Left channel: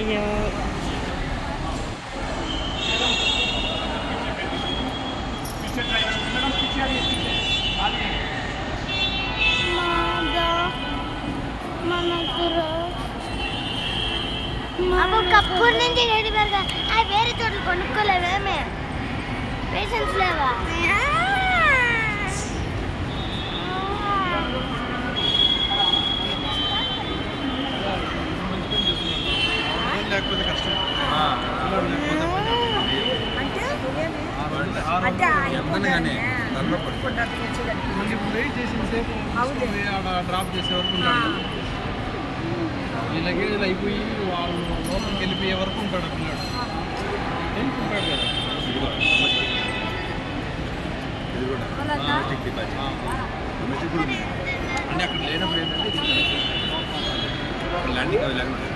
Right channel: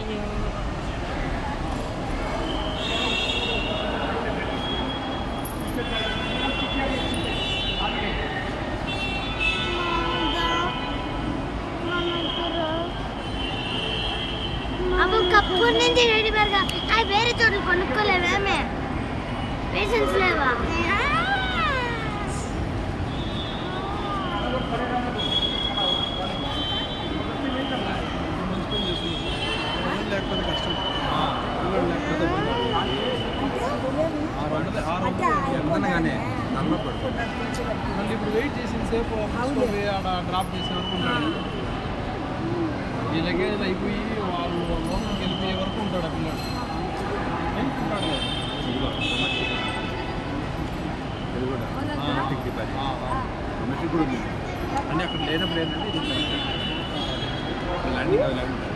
అయ్యో అప్పుడు నుంచి రెడీ పెరగా అవి వేరే చోట్ల కొనుక్కోలేమేమే పేషెన్స్ లేవా లేకపోతే కష్టం కానీ మళ్ళీ ఇప్పుడు వెయిట్ చేసిన సేపు ఆడ డ్రాప్ చేసే వరకు ఉంటాడు ఈ లగేజ్ అయిపోయి వాళ్ళు లోపలికి వెళ్ళిపోయే వరకు ఉంటాడు ఆ పిల్లాడు ఉంటాడు కదా ఇది కూడా డొమెస్టిక్ కూడా ఉంది అంటే అక్కడ లేనప్పుడు ఏంటంటే ఇది ల్యాండింగ్ అవి